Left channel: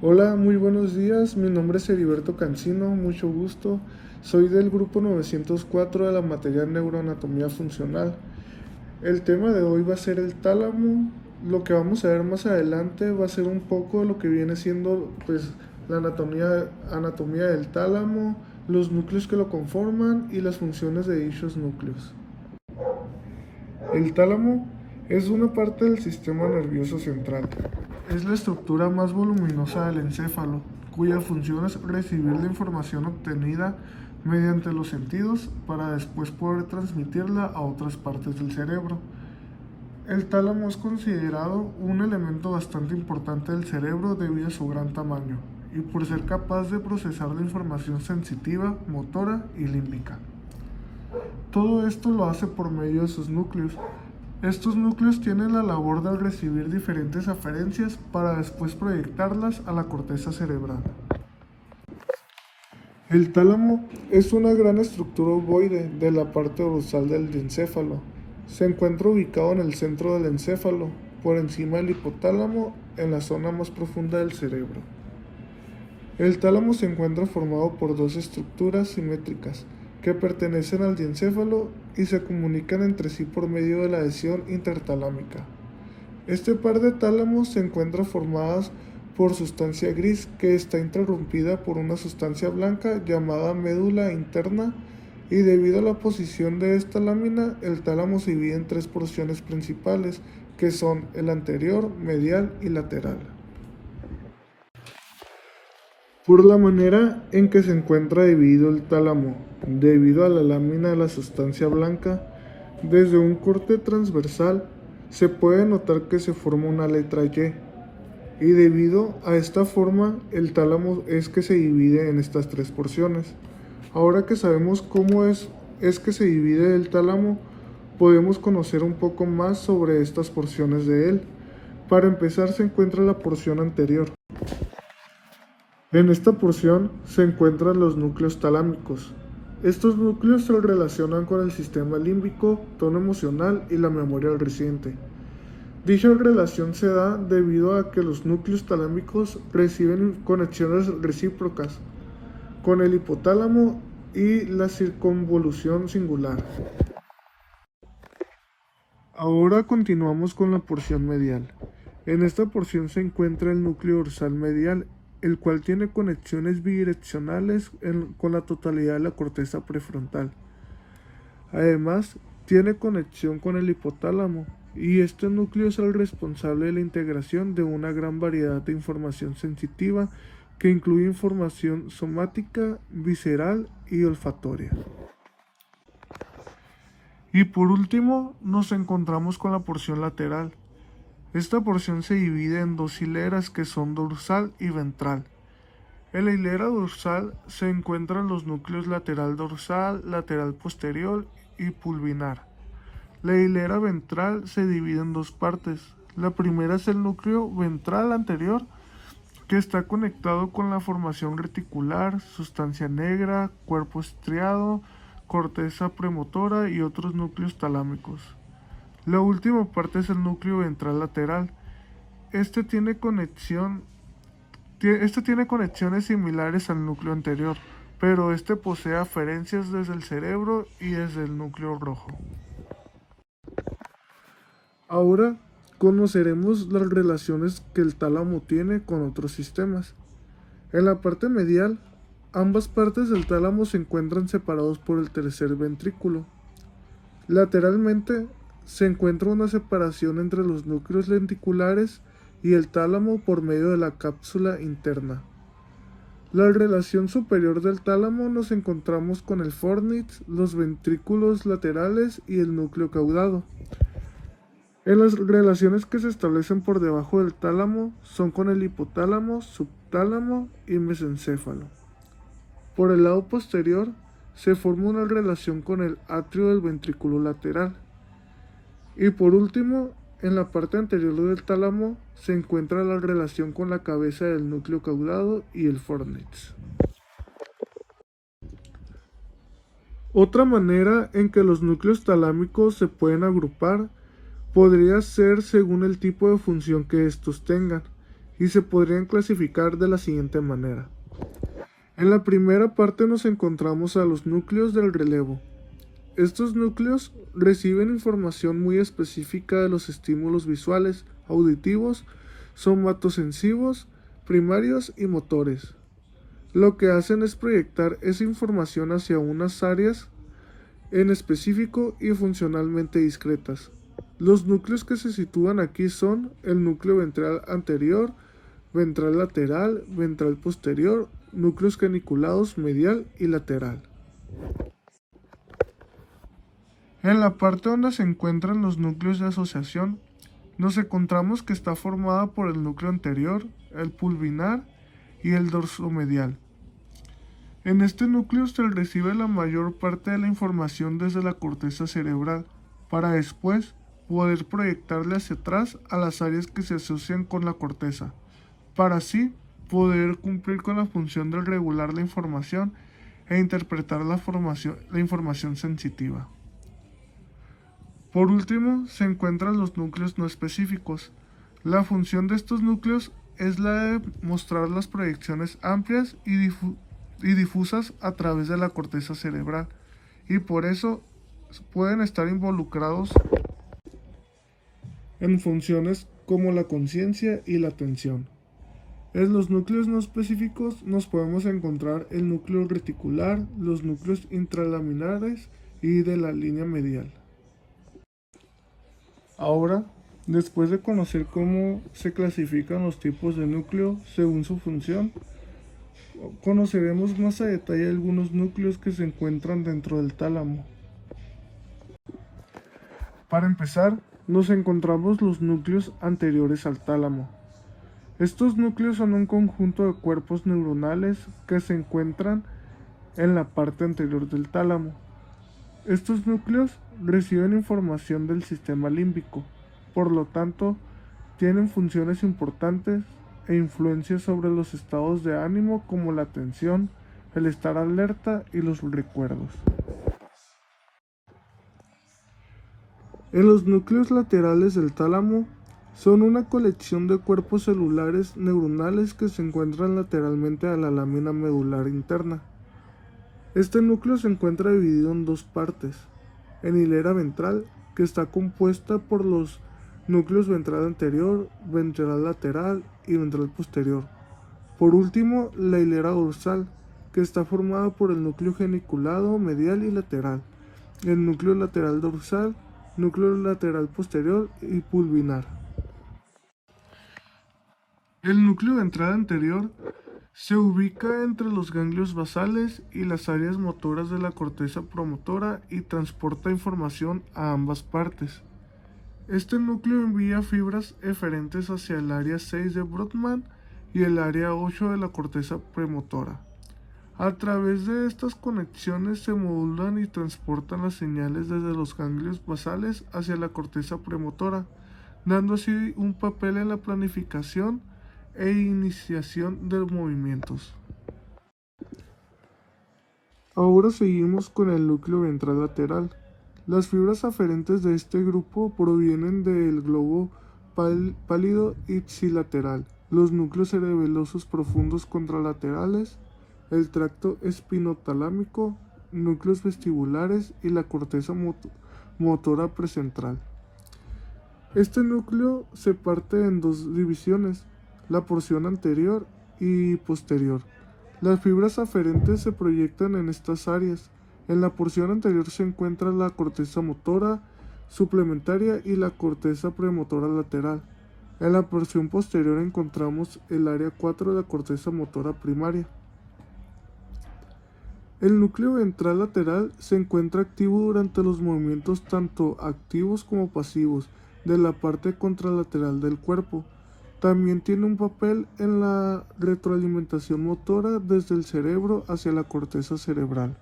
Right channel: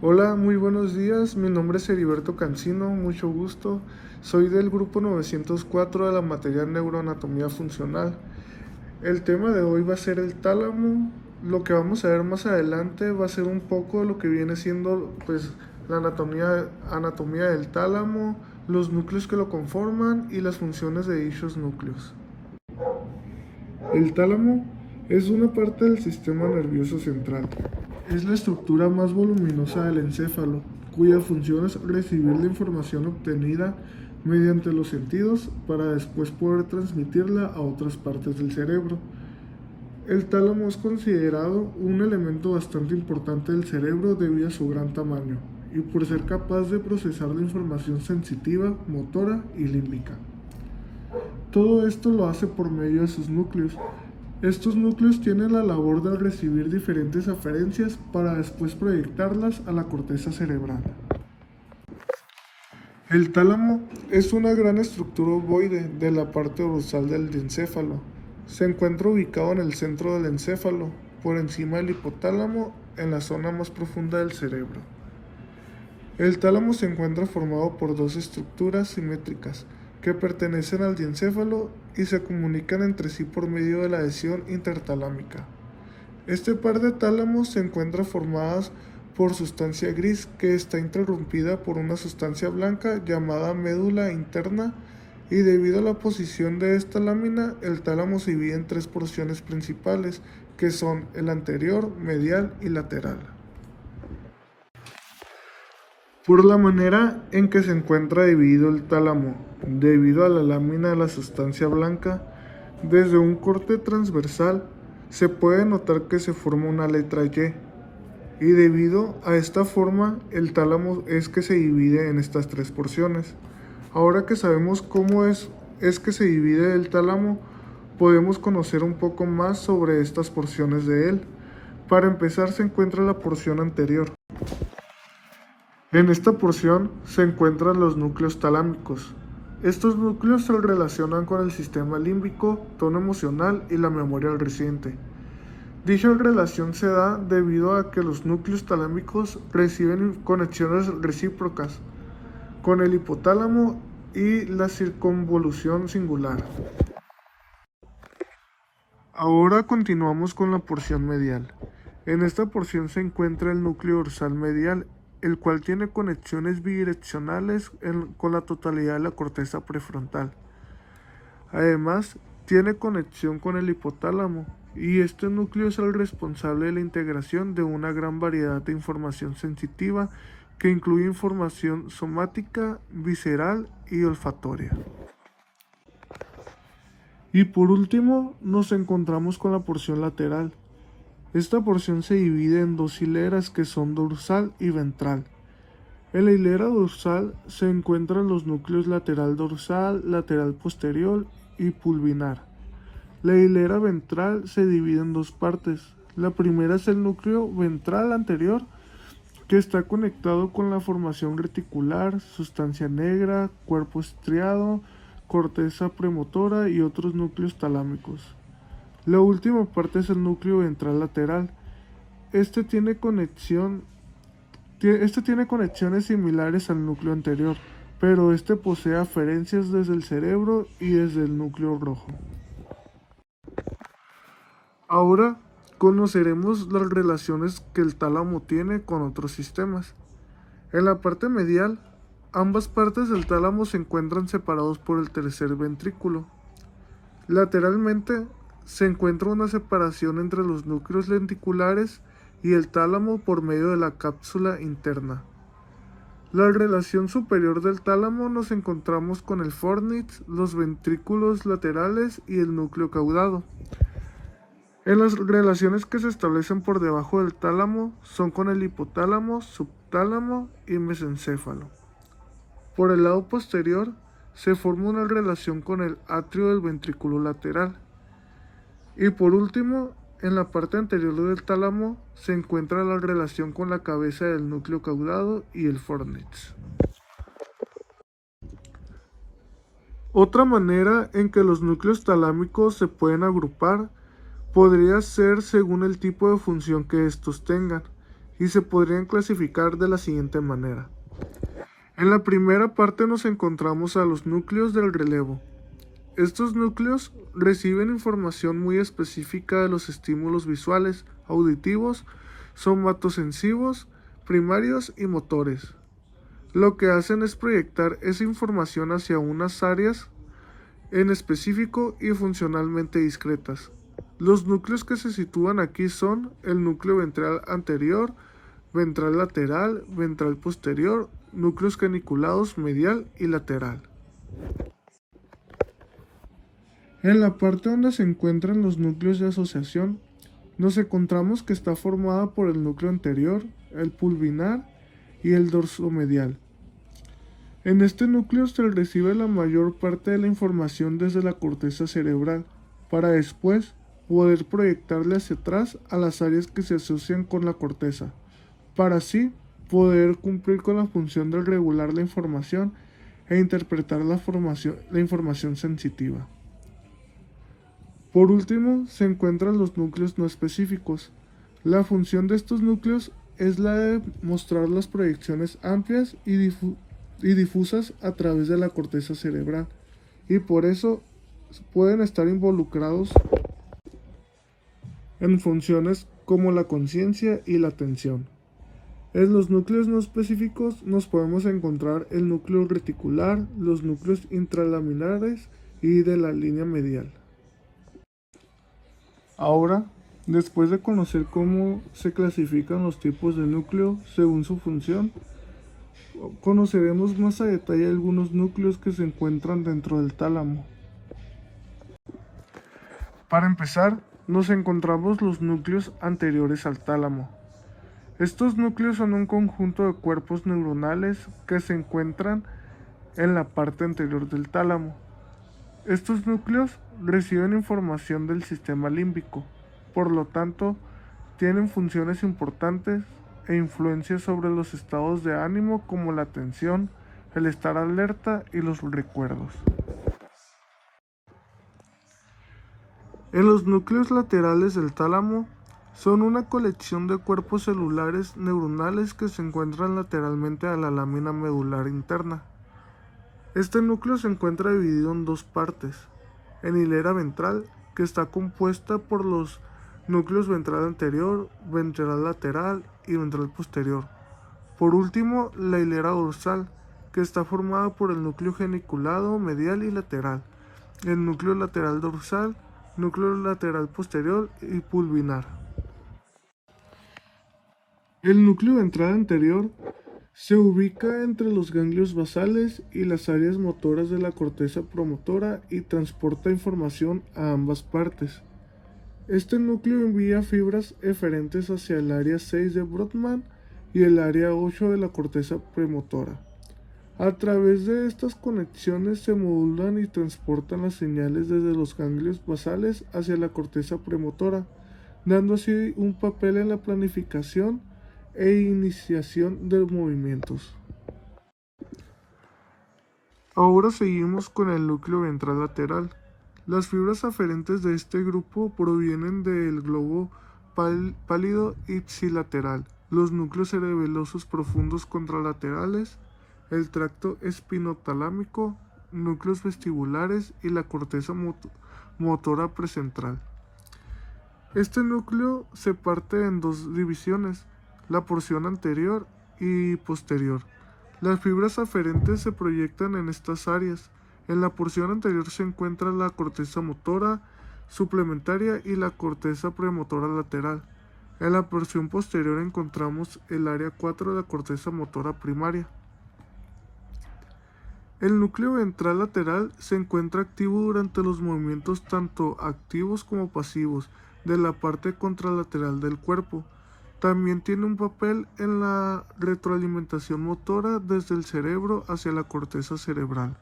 Hola, muy buenos días. Mi nombre es Heriberto Cancino, mucho gusto. Soy del grupo 904 de la materia Neuroanatomía Funcional. El tema de hoy va a ser el tálamo. Lo que vamos a ver más adelante va a ser un poco de lo que viene siendo pues la anatomía del tálamo, los núcleos que lo conforman y las funciones de dichos núcleos. El tálamo es una parte del sistema nervioso central. Es la estructura más voluminosa del encéfalo, cuya función es recibir la información obtenida mediante los sentidos para después poder transmitirla a otras partes del cerebro. El tálamo es considerado un elemento bastante importante del cerebro debido a su gran tamaño y por ser capaz de procesar la información sensitiva, motora y límbica. Todo esto lo hace por medio de sus núcleos. Estos núcleos tienen la labor de recibir diferentes aferencias para después proyectarlas a la corteza cerebral. El tálamo es una gran estructura ovoide de la parte dorsal del encéfalo. Se encuentra ubicado en el centro del encéfalo, por encima del hipotálamo, en la zona más profunda del cerebro. El tálamo se encuentra formado por dos estructuras simétricas que pertenecen al diencéfalo y se comunican entre sí por medio de la adhesión intertalámica. Este par de tálamos se encuentra formadas por sustancia gris que está interrumpida por una sustancia blanca llamada médula interna, y debido a la posición de esta lámina, el tálamo se divide en tres porciones principales que son el anterior, medial y lateral. Por la manera en que se encuentra dividido el tálamo, debido a la lámina de la sustancia blanca, desde un corte transversal se puede notar que se forma una letra Y, y debido a esta forma el tálamo es que se divide en estas tres porciones. Ahora que sabemos cómo es que se divide el tálamo, podemos conocer un poco más sobre estas porciones de él. Para empezar se encuentra la porción anterior. En esta porción se encuentran los núcleos talámicos. Estos núcleos se relacionan con el sistema límbico, tono emocional y la memoria reciente. Dicha relación se da debido a que los núcleos talámicos reciben conexiones recíprocas con el hipotálamo y la circunvolución singular. Ahora continuamos con la porción medial. En esta porción se encuentra el núcleo dorsal medial, el cual tiene conexiones bidireccionales con la totalidad de la corteza prefrontal. Además, tiene conexión con el hipotálamo, y este núcleo es el responsable de la integración de una gran variedad de información sensitiva que incluye información somática, visceral y olfatoria. Y por último, nos encontramos con la porción lateral. Esta porción se divide en dos hileras que son dorsal y ventral. En la hilera dorsal se encuentran los núcleos lateral dorsal, lateral posterior y pulvinar. La hilera ventral se divide en dos partes. La primera es el núcleo ventral anterior, que está conectado con la formación reticular, sustancia negra, cuerpo estriado, corteza premotora y otros núcleos talámicos. La última parte es el núcleo ventral lateral. Este tiene conexiones similares al núcleo anterior, pero este posee aferencias desde el cerebro y desde el núcleo rojo. Ahora conoceremos las relaciones que el tálamo tiene con otros sistemas. En la parte medial, ambas partes del tálamo se encuentran separados por el tercer ventrículo. Lateralmente, se encuentra una separación entre los núcleos lenticulares y el tálamo por medio de la cápsula interna. La relación superior del tálamo nos encontramos con el fornix, los ventrículos laterales y el núcleo caudado. En las relaciones que se establecen por debajo del tálamo son con el hipotálamo, subtálamo y mesencéfalo. Por el lado posterior se forma una relación con el atrio del ventrículo lateral. Y por último, en la parte anterior del tálamo se encuentra la relación con la cabeza del núcleo caudado y el fornix. Otra manera en que los núcleos talámicos se pueden agrupar podría ser según el tipo de función que estos tengan, y se podrían clasificar de la siguiente manera. En la primera parte nos encontramos a los núcleos del relevo. Estos núcleos reciben información muy específica de los estímulos visuales, auditivos, somatosensivos, primarios y motores. Lo que hacen es proyectar esa información hacia unas áreas en específico y funcionalmente discretas. Los núcleos que se sitúan aquí son el núcleo ventral anterior, ventral lateral, ventral posterior, núcleos caniculados medial y lateral. En la parte donde se encuentran los núcleos de asociación, nos encontramos que está formada por el núcleo anterior, el pulvinar y el dorsomedial. En este núcleo se recibe la mayor parte de la información desde la corteza cerebral, para después poder proyectarle hacia atrás a las áreas que se asocian con la corteza, para así poder cumplir con la función de regular la información e interpretar la información sensitiva. Por último, se encuentran los núcleos no específicos. La función de estos núcleos es la de mostrar las proyecciones amplias y difusas a través de la corteza cerebral, y por eso pueden estar involucrados en funciones como la conciencia y la atención. En los núcleos no específicos nos podemos encontrar el núcleo reticular, los núcleos intralaminares y de la línea medial. Ahora, después de conocer cómo se clasifican los tipos de núcleo según su función, conoceremos más a detalle algunos núcleos que se encuentran dentro del tálamo. Para empezar, nos encontramos los núcleos anteriores al tálamo. Estos núcleos son un conjunto de cuerpos neuronales que se encuentran en la parte anterior del tálamo. Estos núcleos reciben información del sistema límbico, por lo tanto, tienen funciones importantes e influencias sobre los estados de ánimo como la atención, el estar alerta y los recuerdos. En los núcleos laterales del tálamo son una colección de cuerpos celulares neuronales que se encuentran lateralmente a la lámina medular interna. Este núcleo se encuentra dividido en dos partes, en hilera ventral, que está compuesta por los núcleos ventral anterior, ventral lateral y ventral posterior. Por último, la hilera dorsal, que está formada por el núcleo geniculado medial y lateral, el núcleo lateral dorsal, núcleo lateral posterior y pulvinar. El núcleo ventral anterior se ubica entre los ganglios basales y las áreas motoras de la corteza promotora y transporta información a ambas partes. Este núcleo envía fibras eferentes hacia el área 6 de Brodmann y el área 8 de la corteza premotora. A través de estas conexiones se modulan y transportan las señales desde los ganglios basales hacia la corteza premotora, dando así un papel en la planificación e iniciación de movimientos. Ahora seguimos con el núcleo ventral lateral. Las fibras aferentes de este grupo provienen del globo pálido ipsilateral, los núcleos cerebelosos profundos contralaterales, el tracto espinotalámico, núcleos vestibulares y la corteza motora precentral. Este núcleo se parte en dos divisiones, la porción anterior y posterior. Las fibras aferentes se proyectan en estas áreas. En la porción anterior se encuentra la corteza motora suplementaria y la corteza premotora lateral. En la porción posterior encontramos el área 4 de la corteza motora primaria. El núcleo ventral lateral se encuentra activo durante los movimientos tanto activos como pasivos de la parte contralateral del cuerpo. También tiene un papel en la retroalimentación motora desde el cerebro hacia la corteza cerebral.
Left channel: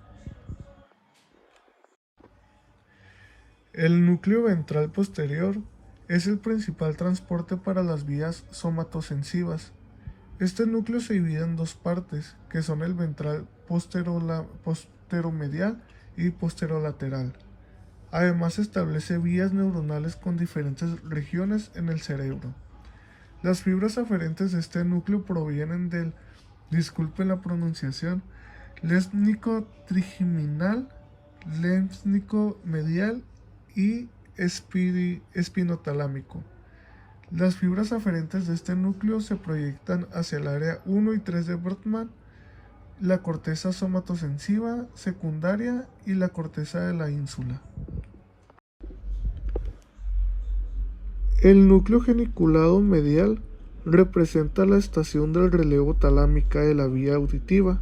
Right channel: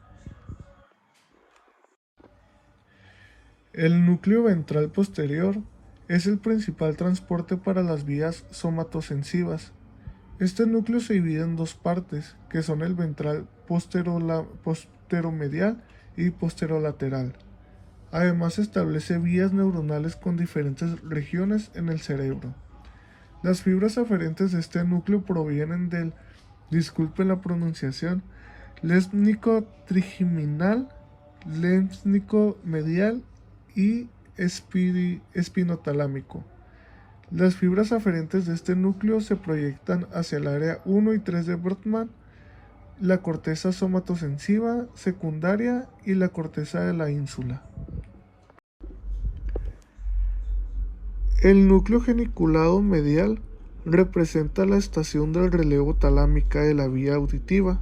El núcleo ventral posterior es el principal transporte para las vías somatosensivas. Este núcleo se divide en dos partes, que son el ventral posteromedial y posterolateral. Además establece vías neuronales con diferentes regiones en el cerebro. Las fibras aferentes de este núcleo provienen del, disculpen la pronunciación, lémnico trigeminal, lémnico medial y espinotalámico. Las fibras aferentes de este núcleo se proyectan hacia el área 1 y 3 de Brodmann, la corteza somatosensiva secundaria y la corteza de la ínsula. El núcleo geniculado medial representa la estación del relevo talámica de la vía auditiva.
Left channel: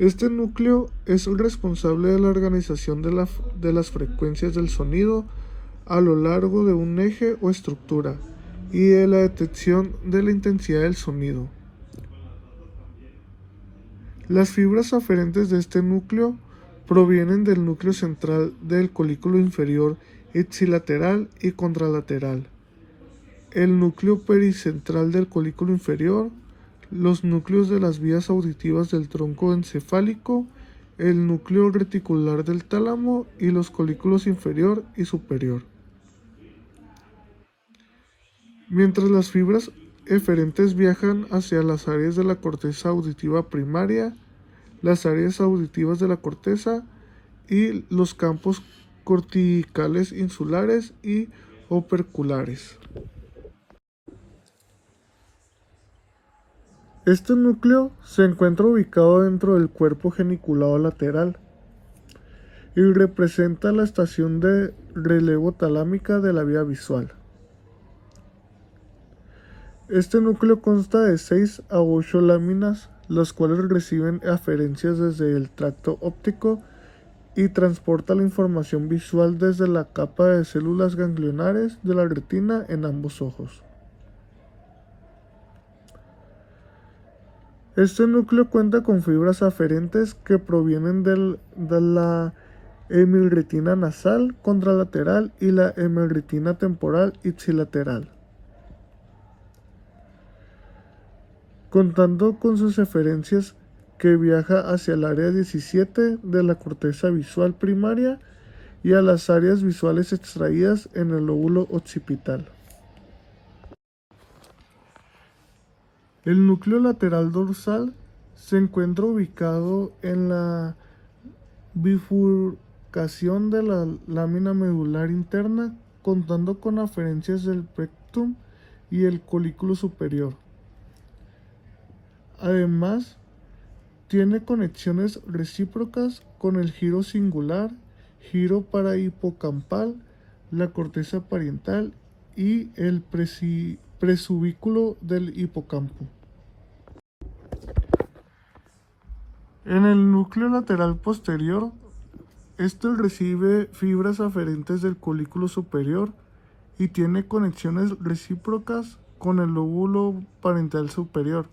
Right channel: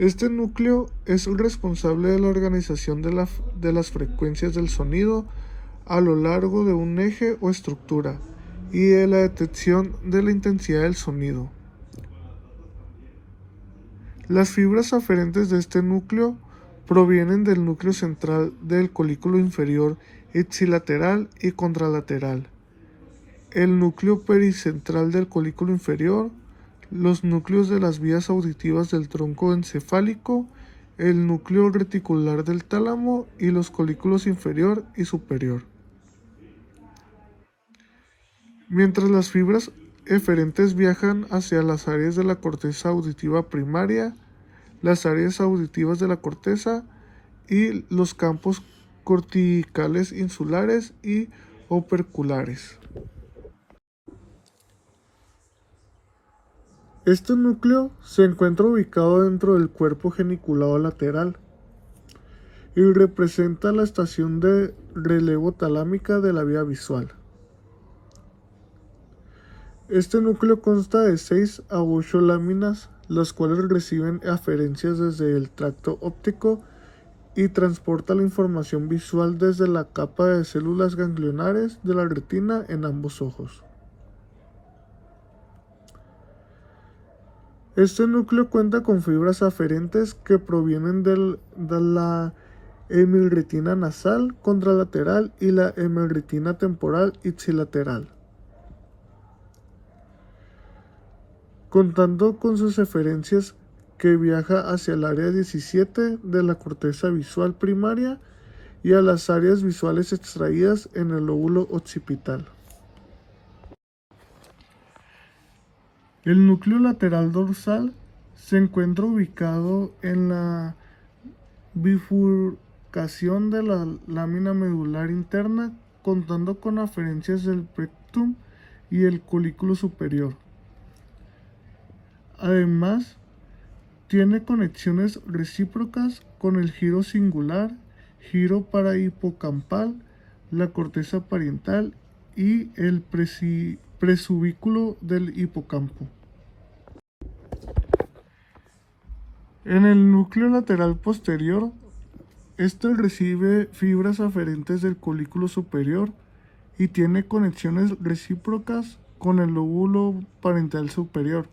Este núcleo es el responsable de la organización de las frecuencias del sonido a lo largo de un eje o estructura y de la detección de la intensidad del sonido. Las fibras aferentes de este núcleo provienen del núcleo central del colículo inferior ipsilateral y contralateral, el núcleo pericentral del colículo inferior, los núcleos de las vías auditivas del tronco encefálico, el núcleo reticular del tálamo y los colículos inferior y superior. Mientras las fibras eferentes viajan hacia las áreas de la corteza auditiva primaria, las áreas auditivas de la corteza y los campos corticales insulares y operculares. Este núcleo se encuentra ubicado dentro del cuerpo geniculado lateral y representa la estación de relevo talámica de la vía visual. Este núcleo consta de 6 a 8 láminas, las cuales reciben aferencias desde el tracto óptico y transporta la información visual desde la capa de células ganglionares de la retina en ambos ojos. Este núcleo cuenta con fibras aferentes que provienen de la hemorretina nasal contralateral y la hemorretina temporal ipsilateral, contando con sus eferencias que viaja hacia el área 17 de la corteza visual primaria y a las áreas visuales extraídas en el lóbulo occipital. El núcleo lateral dorsal se encuentra ubicado en la bifurcación de la lámina medular interna, contando con aferencias del pectum y el colículo superior. Además, tiene conexiones recíprocas con el giro singular, giro parahipocampal, la corteza parietal y el presubículo del hipocampo. En el núcleo lateral posterior, este recibe fibras aferentes del colículo superior y tiene conexiones recíprocas con el lóbulo parental superior.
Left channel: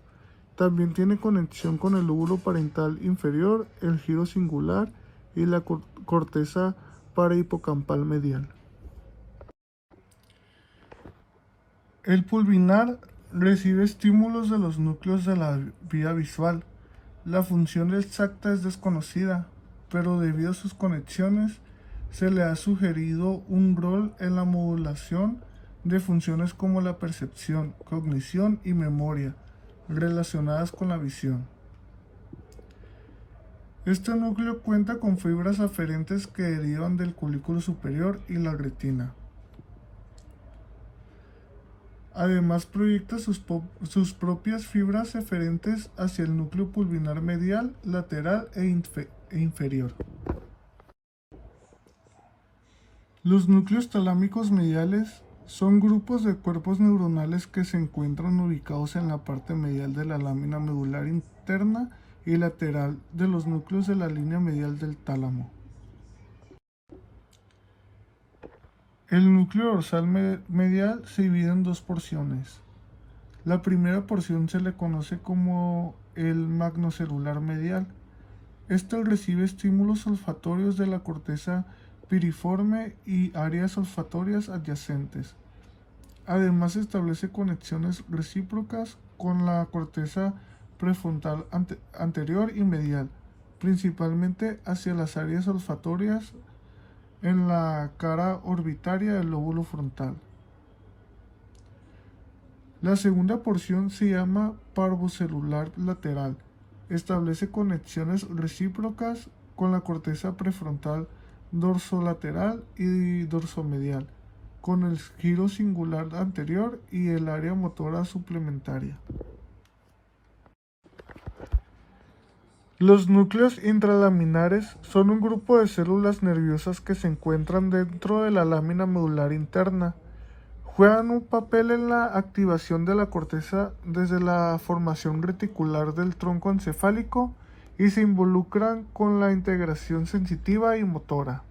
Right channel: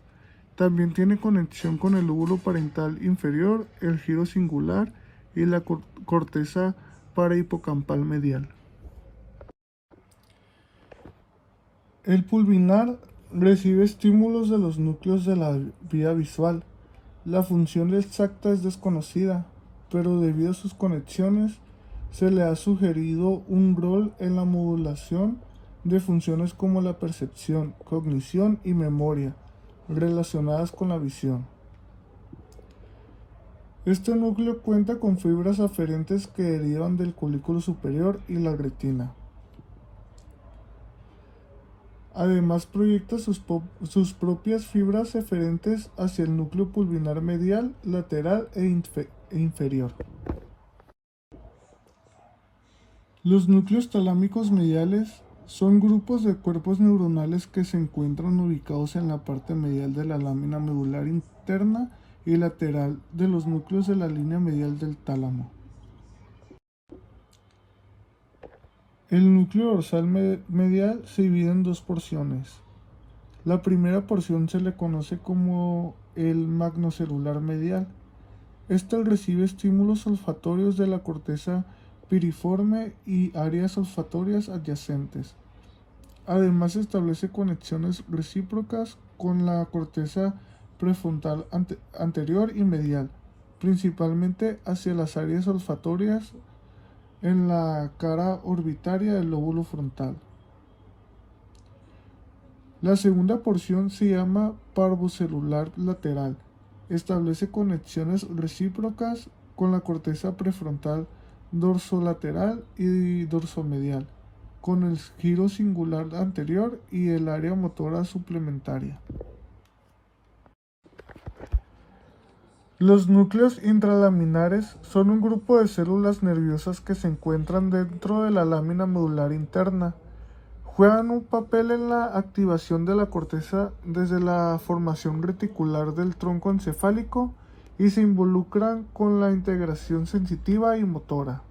También tiene conexión con el lóbulo parental inferior, el giro singular y la corteza parahipocampal medial. El pulvinar recibe estímulos de los núcleos de la vía visual. La función exacta es desconocida, pero debido a sus conexiones, se le ha sugerido un rol en la modulación de funciones como la percepción, cognición y memoria, relacionadas con la visión. Este núcleo cuenta con fibras aferentes que derivan del colículo superior y la retina. Además, proyecta sus propias fibras eferentes hacia el núcleo pulvinar medial, lateral e inferior. Los núcleos talámicos mediales son grupos de cuerpos neuronales que se encuentran ubicados en la parte medial de la lámina medular interna y lateral de los núcleos de la línea medial del tálamo. El núcleo dorsal medial se divide en dos porciones. La primera porción se le conoce como el magnocelular medial. Este recibe estímulos olfatorios de la corteza piriforme y áreas olfatorias adyacentes. Además, establece conexiones recíprocas con la corteza prefrontal anterior y medial, principalmente hacia las áreas olfatorias en la cara orbitaria del lóbulo frontal. La segunda porción se llama parvocelular lateral. Establece conexiones recíprocas con la corteza prefrontal dorsolateral y dorsomedial, con el giro singular anterior y el área motora suplementaria. Los núcleos intralaminares son un grupo de células nerviosas que se encuentran dentro de la lámina medular interna. Juegan un papel en la activación de la corteza desde la formación reticular del tronco encefálico y se involucran con la integración sensitiva y motora.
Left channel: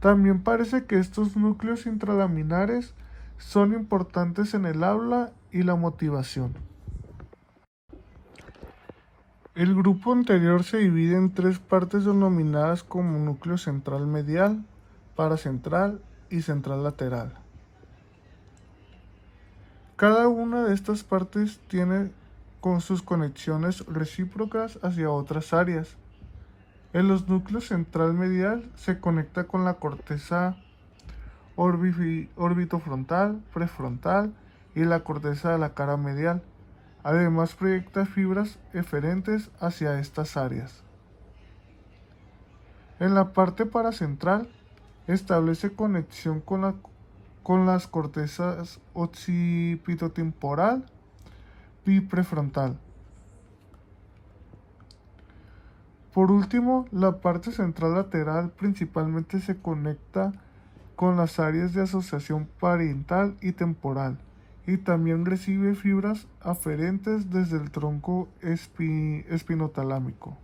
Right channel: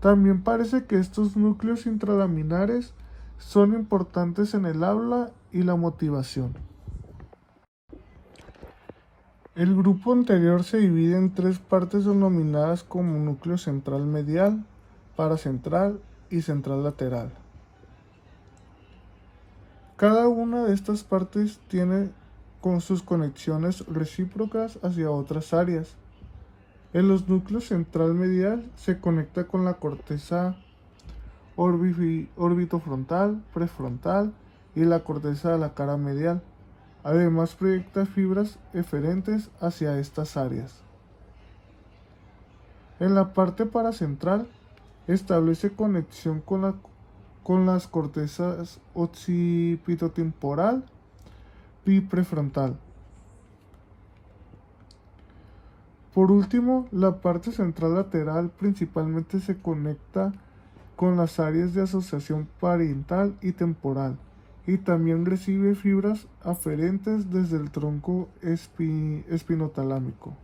También parece que estos núcleos intralaminares son importantes en el habla y la motivación. El grupo anterior se divide en tres partes denominadas como núcleo central medial, paracentral y central lateral. Cada una de estas partes tiene con sus conexiones recíprocas hacia otras áreas. En los núcleos central medial se conecta con la corteza orbitofrontal, prefrontal y la corteza de la cara medial. Además proyecta fibras eferentes hacia estas áreas. En la parte paracentral establece conexión con las cortezas occipitotemporal y prefrontal. Por último, la parte central lateral principalmente se conecta con las áreas de asociación parietal y temporal, y también recibe fibras aferentes desde el tronco espinotalámico.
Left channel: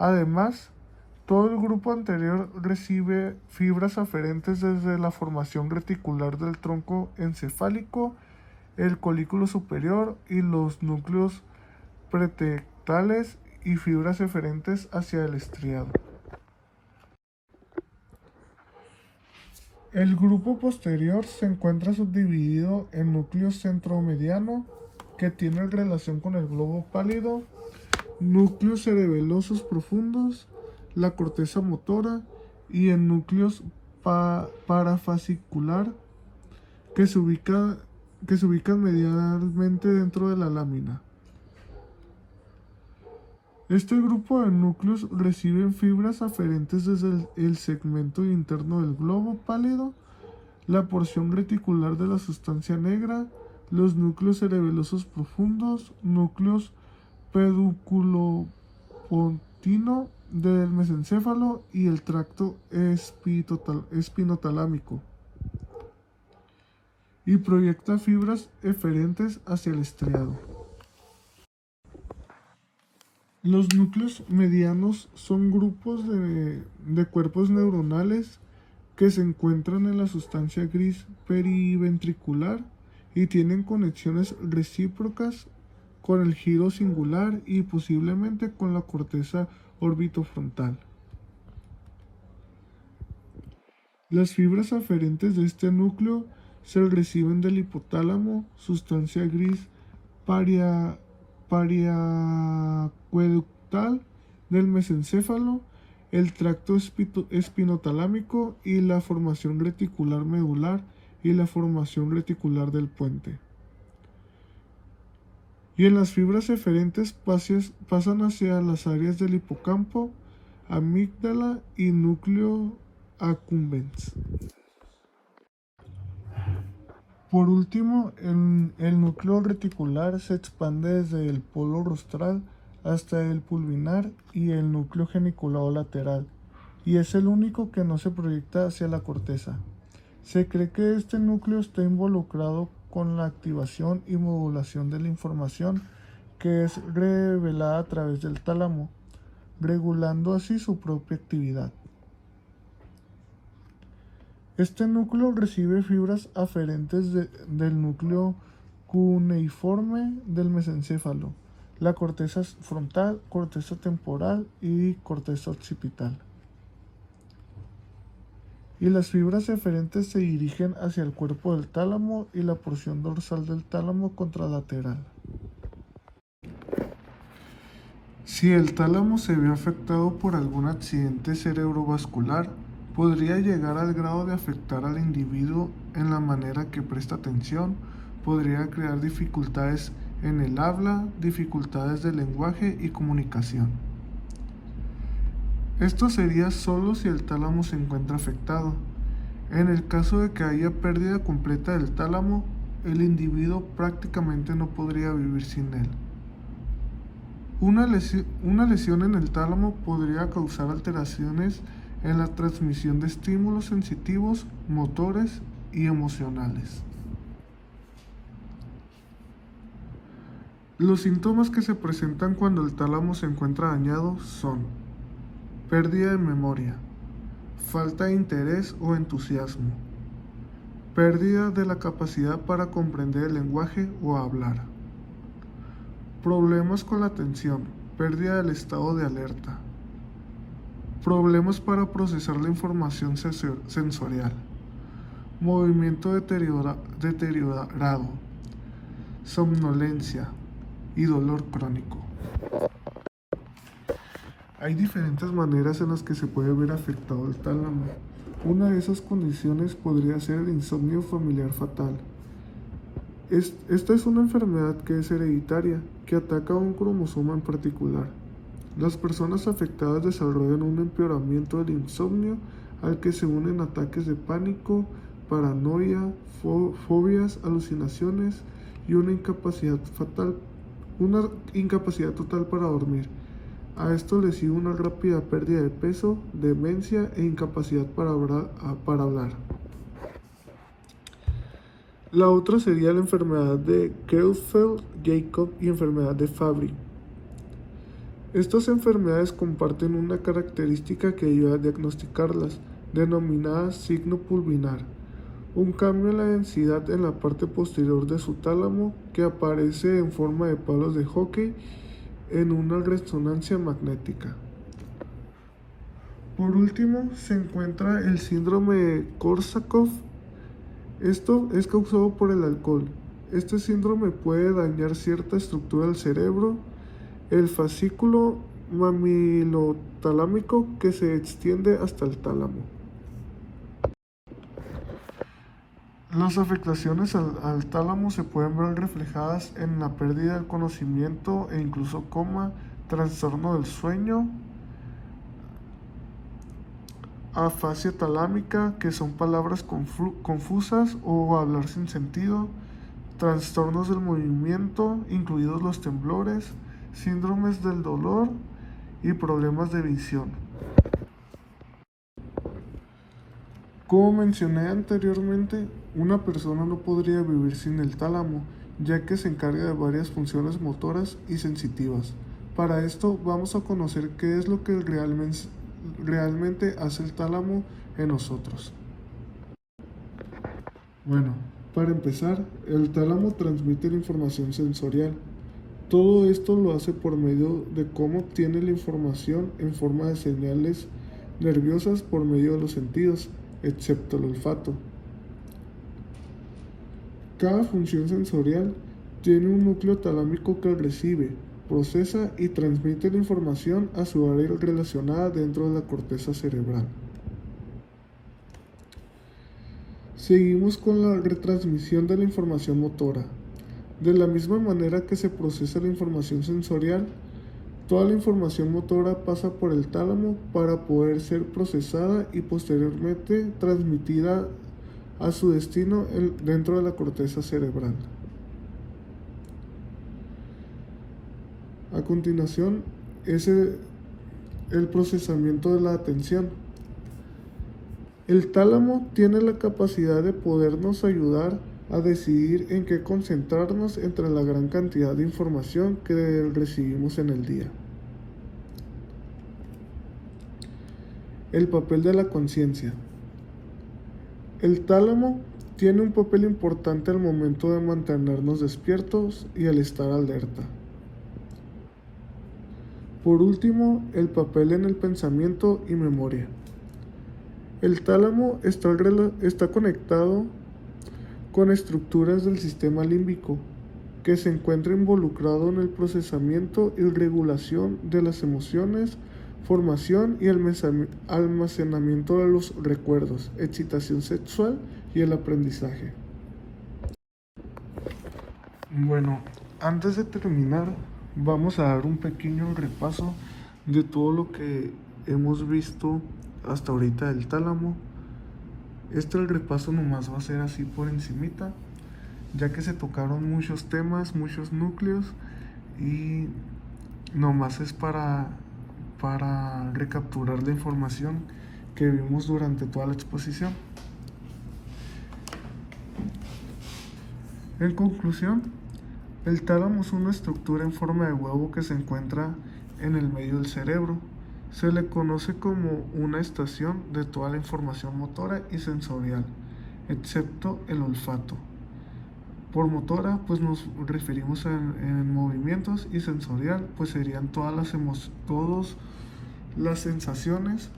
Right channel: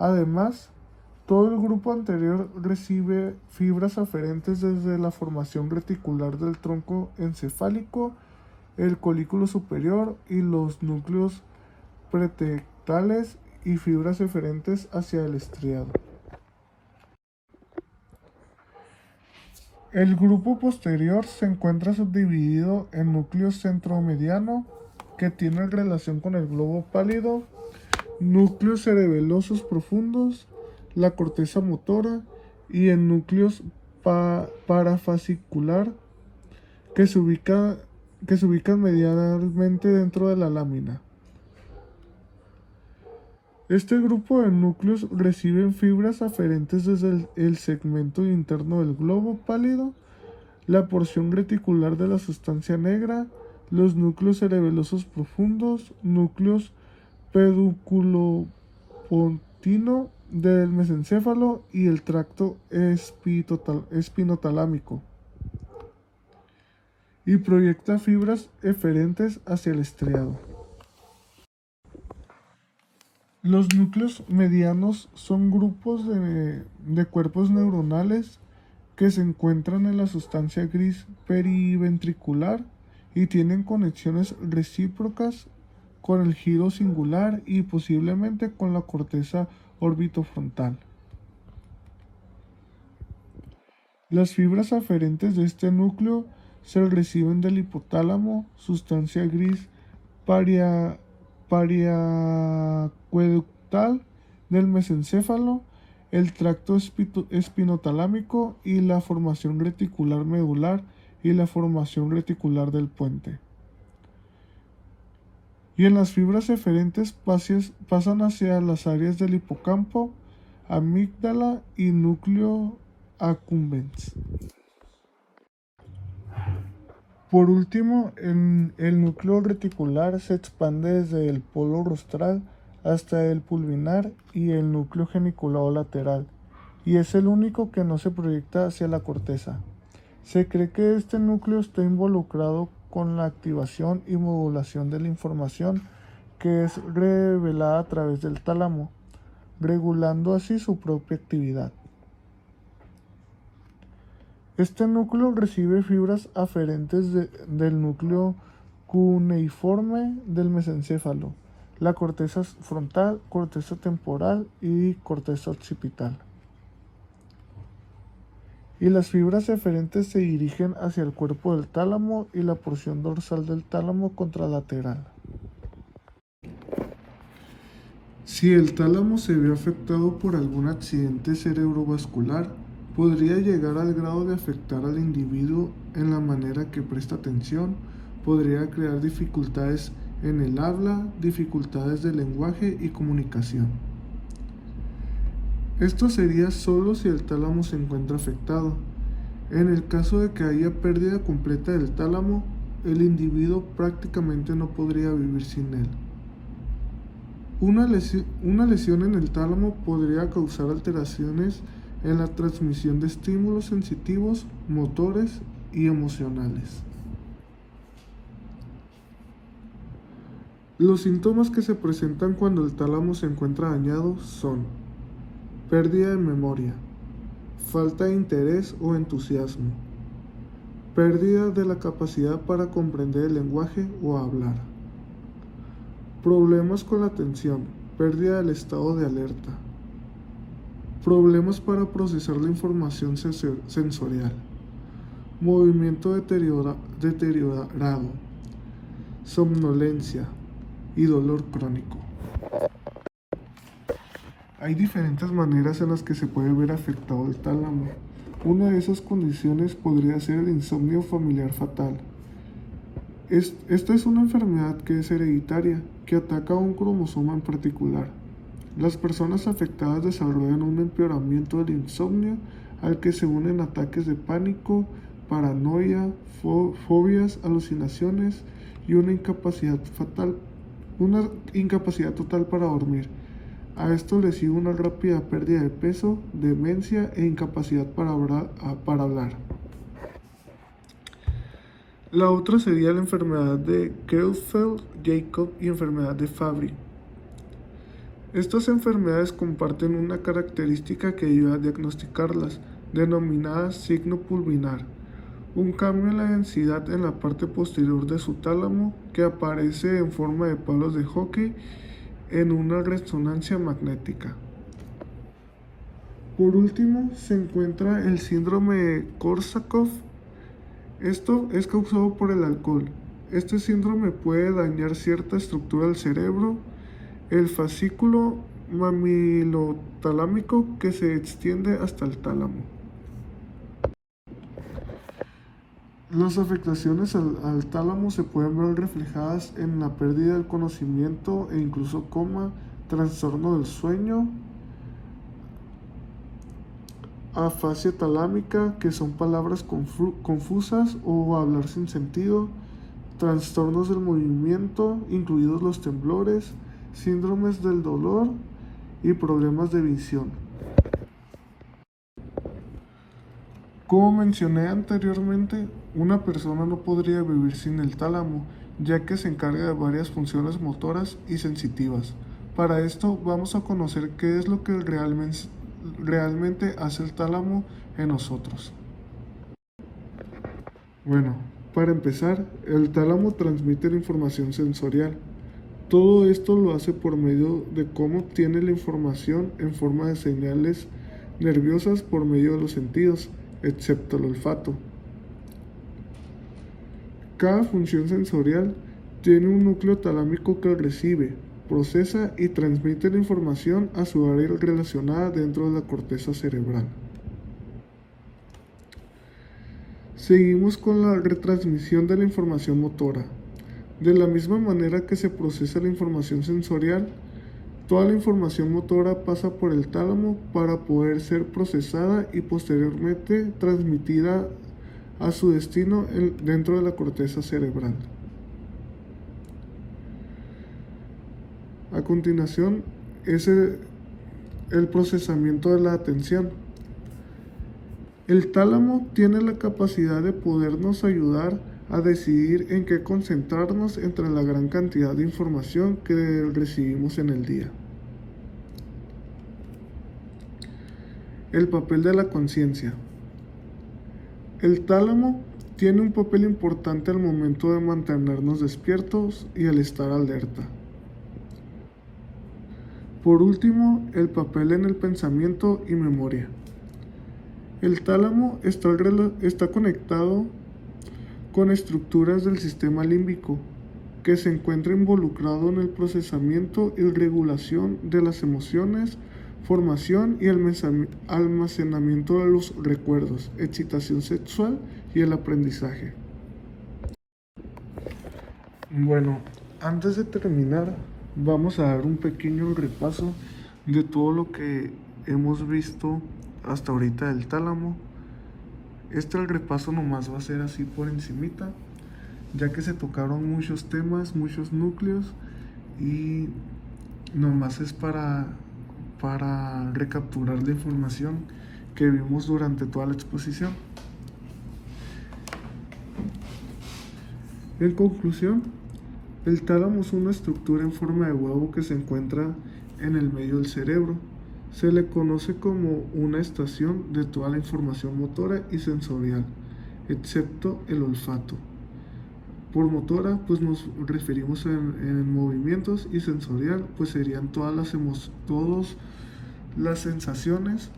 Además, todo el grupo anterior recibe fibras aferentes desde la formación reticular del tronco encefálico, el colículo superior y los núcleos pretectales y fibras eferentes hacia el estriado. El grupo posterior se encuentra subdividido en núcleo centromediano, que tiene relación con el globo pálido, núcleos cerebelosos profundos, la corteza motora y en núcleos parafascicular que se ubican medialmente dentro de la lámina. Este grupo de núcleos reciben fibras aferentes desde el segmento interno del globo pálido, la porción reticular de la sustancia negra, los núcleos cerebelosos profundos, núcleos pedúnculo-pontino del mesencéfalo y el tracto espinotalámico, y proyecta fibras eferentes hacia el estriado. Los núcleos medianos son grupos de cuerpos neuronales que se encuentran en la sustancia gris periventricular y tienen conexiones recíprocas con el giro singular y posiblemente con la corteza orbitofrontal. Las fibras aferentes de este núcleo se reciben del hipotálamo, sustancia gris pariacueductal del mesencéfalo, el tracto espinotalámico y la formación reticular medular y la formación reticular del puente. Y en las fibras eferentes pasan hacia las áreas del hipocampo, amígdala y núcleo accumbens. Por último, el núcleo reticular se expande desde el polo rostral hasta el pulvinar y el núcleo geniculado lateral, y es el único que no se proyecta hacia la corteza. Se cree que este núcleo está involucrado con la activación y modulación de la información que es revelada a través del tálamo, regulando así su propia actividad. Este núcleo recibe fibras aferentes del núcleo cuneiforme del mesencéfalo, la corteza frontal, corteza temporal y corteza occipital. Y las fibras eferentes se dirigen hacia el cuerpo del tálamo y la porción dorsal del tálamo contralateral. Si el tálamo se ve afectado por algún accidente cerebrovascular, Podría llegar al grado de afectar al individuo en la manera que presta atención, podría crear dificultades en el habla, dificultades de lenguaje y comunicación. Esto sería solo si el tálamo se encuentra afectado. En el caso de que haya pérdida completa del tálamo, el individuo prácticamente no podría vivir sin él. Una lesión en el tálamo podría causar alteraciones en la transmisión de estímulos sensitivos, motores y emocionales. Los síntomas que se presentan cuando el tálamo se encuentra dañado son pérdida de memoria, falta de interés o entusiasmo, pérdida de la capacidad para comprender el lenguaje o hablar, problemas con la atención, pérdida del estado de alerta, problemas para procesar la información sensorial, movimiento deteriorado, somnolencia y dolor crónico. Hay diferentes maneras en las que se puede ver afectado el tálamo. Una de esas condiciones podría ser el insomnio familiar fatal. Esta es una enfermedad que es hereditaria, que ataca a un cromosoma en particular. Las personas afectadas desarrollan un empeoramiento del insomnio al que se unen ataques de pánico, paranoia, fobias, alucinaciones y una incapacidad total para dormir. A esto le sigue una rápida pérdida de peso, demencia e incapacidad para hablar. La otra sería la enfermedad de Creutzfeldt-Jakob y enfermedad de Fabry. Estas enfermedades comparten una característica que ayuda a diagnosticarlas, denominada signo pulvinar, un cambio en la densidad en la parte posterior de su tálamo que aparece en forma de palos de hockey en una resonancia magnética. Por último, se encuentra el síndrome de Korsakoff. Esto es causado por el alcohol. Este síndrome puede dañar cierta estructura del cerebro, el fascículo mamilotalámico que se extiende hasta el tálamo. Las afectaciones al tálamo se pueden ver reflejadas en la pérdida del conocimiento e incluso coma, trastorno del sueño, afasia talámica, que son palabras confusas o hablar sin sentido, trastornos del movimiento, incluidos los temblores, síndromes del dolor y problemas de visión. Como mencioné anteriormente, una persona no podría vivir sin el tálamo, ya que se encarga de varias funciones motoras y sensitivas. Para esto vamos a conocer qué es lo que realmente hace el tálamo en nosotros. Bueno, para empezar, el tálamo transmite la información sensorial. Todo esto lo hace por medio de cómo obtiene la información en forma de señales nerviosas por medio de los sentidos, excepto el olfato. Cada función sensorial tiene un núcleo talámico que recibe, procesa y transmite la información a su área relacionada dentro de la corteza cerebral. Seguimos con la retransmisión de la información motora. De la misma manera que se procesa la información sensorial, toda la información motora pasa por el tálamo para poder ser procesada y posteriormente transmitida a su destino dentro de la corteza cerebral. A continuación es el procesamiento de la atención. El tálamo tiene la capacidad de podernos ayudar a decidir en qué concentrarnos entre la gran cantidad de información que recibimos en el día. El papel de la conciencia. El tálamo tiene un papel importante al momento de mantenernos despiertos y al estar alerta. Por último, el papel en el pensamiento y memoria. El tálamo está conectado con estructuras del sistema límbico, que se encuentra involucrado en el procesamiento y regulación de las emociones, formación y almacenamiento de los recuerdos, excitación sexual y el aprendizaje. Bueno, antes de terminar, vamos a dar un pequeño repaso de todo lo que hemos visto hasta ahorita del tálamo. El repaso nomás va a ser así por encimita, ya que se tocaron muchos temas, muchos núcleos, y nomás es para recapturar la información que vimos durante toda la exposición. En conclusión, el tálamo es una estructura en forma de huevo que se encuentra en el medio del cerebro. Se le conoce como una estación de toda la información motora y sensorial, excepto el olfato. Por motora, pues nos referimos en movimientos, y sensorial, pues serían todas las sensaciones,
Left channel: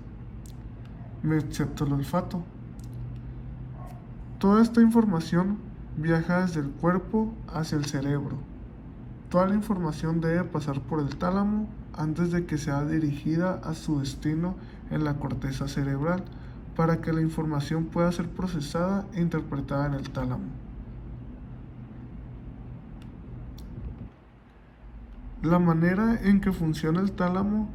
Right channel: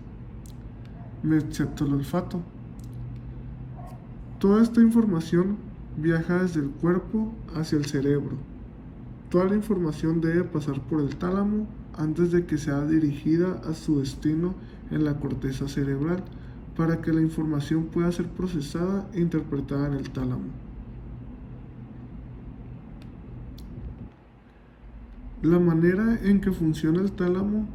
excepto el olfato. Toda esta información viaja desde el cuerpo hacia el cerebro. Toda la información debe pasar por el tálamo antes de que sea dirigida a su destino en la corteza cerebral, para que la información pueda ser procesada e interpretada en el tálamo. La manera en que funciona el tálamo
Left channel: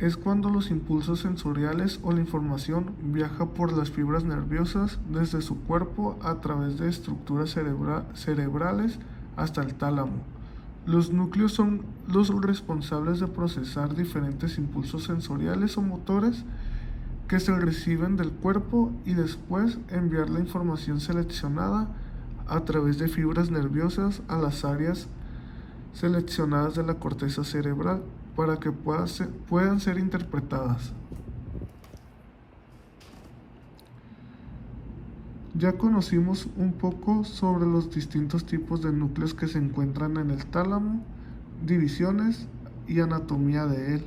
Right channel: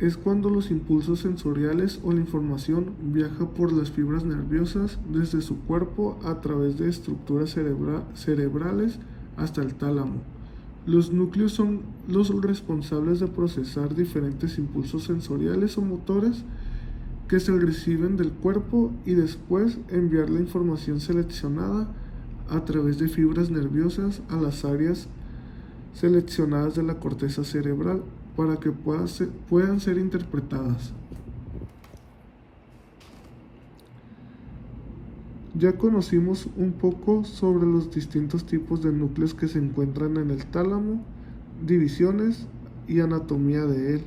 es cuando los impulsos sensoriales o la información viaja por las fibras nerviosas desde su cuerpo a través de estructuras cerebrales hasta el tálamo. Los núcleos son los responsables de procesar diferentes impulsos sensoriales o motores que se reciben del cuerpo, y después enviar la información seleccionada a través de fibras nerviosas a las áreas seleccionadas de la corteza cerebral para que puedan ser interpretadas. Ya conocimos un poco sobre los distintos tipos de núcleos que se encuentran en el tálamo, divisiones y anatomía de él.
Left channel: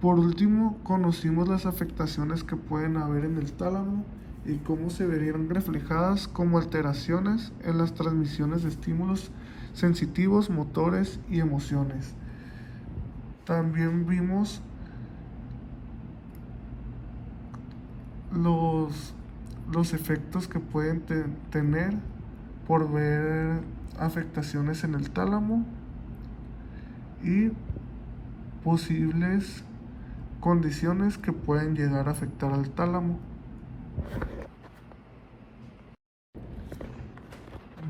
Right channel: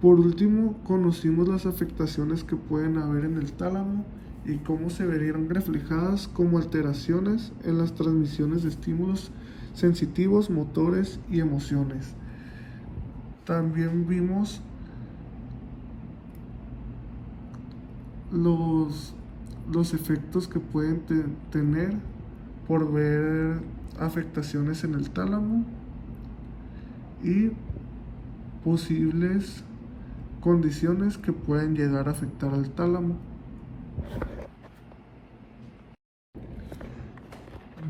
Por último, conocimos las afectaciones que pueden haber en el tálamo y cómo se verían reflejadas como alteraciones en las transmisiones de estímulos sensitivos, motores y emociones. También vimos los efectos que pueden tener por ver afectaciones en el tálamo y posibles condiciones que pueden llegar a afectar al tálamo.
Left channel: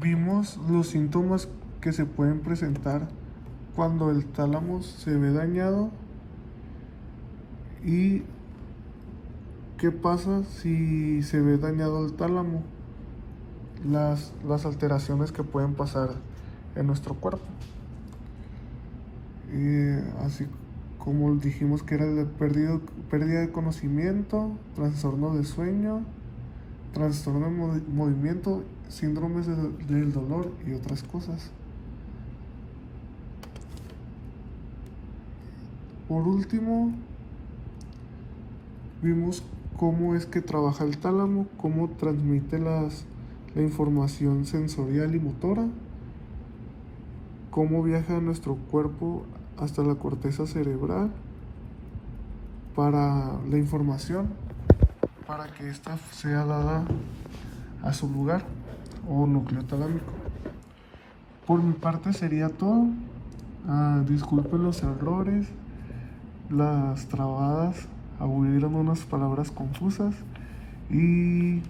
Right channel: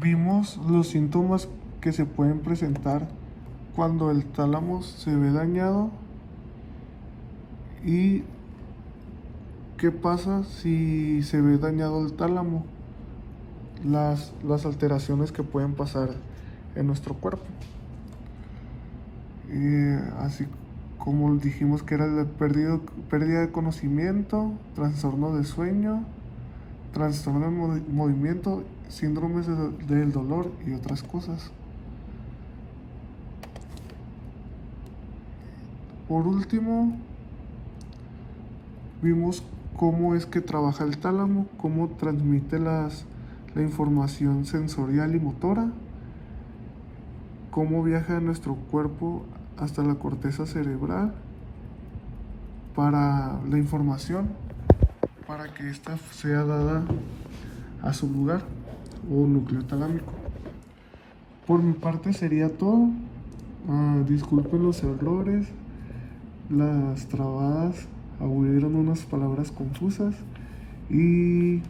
Vimos los síntomas que se pueden presentar cuando el tálamo se ve dañado y qué pasa si se ve dañado el tálamo, las alteraciones que pueden pasar en nuestro cuerpo. Así como dijimos que era de pérdida de conocimiento, trastorno de sueño, trastorno de movimiento, síndromes del dolor y otras cosas. Por último, vimos cómo es que trabaja el tálamo, cómo transmite la información sensorial y motora, cómo viaja de nuestro cuerpo hasta la corteza cerebral para la información, para que ésta sea dada a su lugar o núcleo talámico. Por mi parte sería todo. Disculpen los errores, las trabadas, hubieron unas palabras confusas, y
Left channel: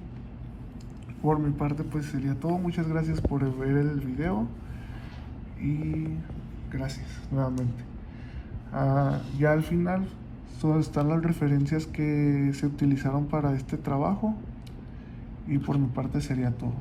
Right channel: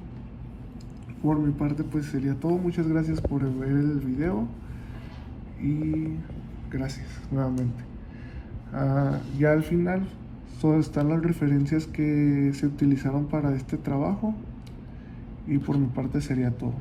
por mi parte pues sería todo. Muchas gracias por ver el video y gracias nuevamente. Ya al final solo están las referencias que se utilizaron para este trabajo, y por mi parte sería todo.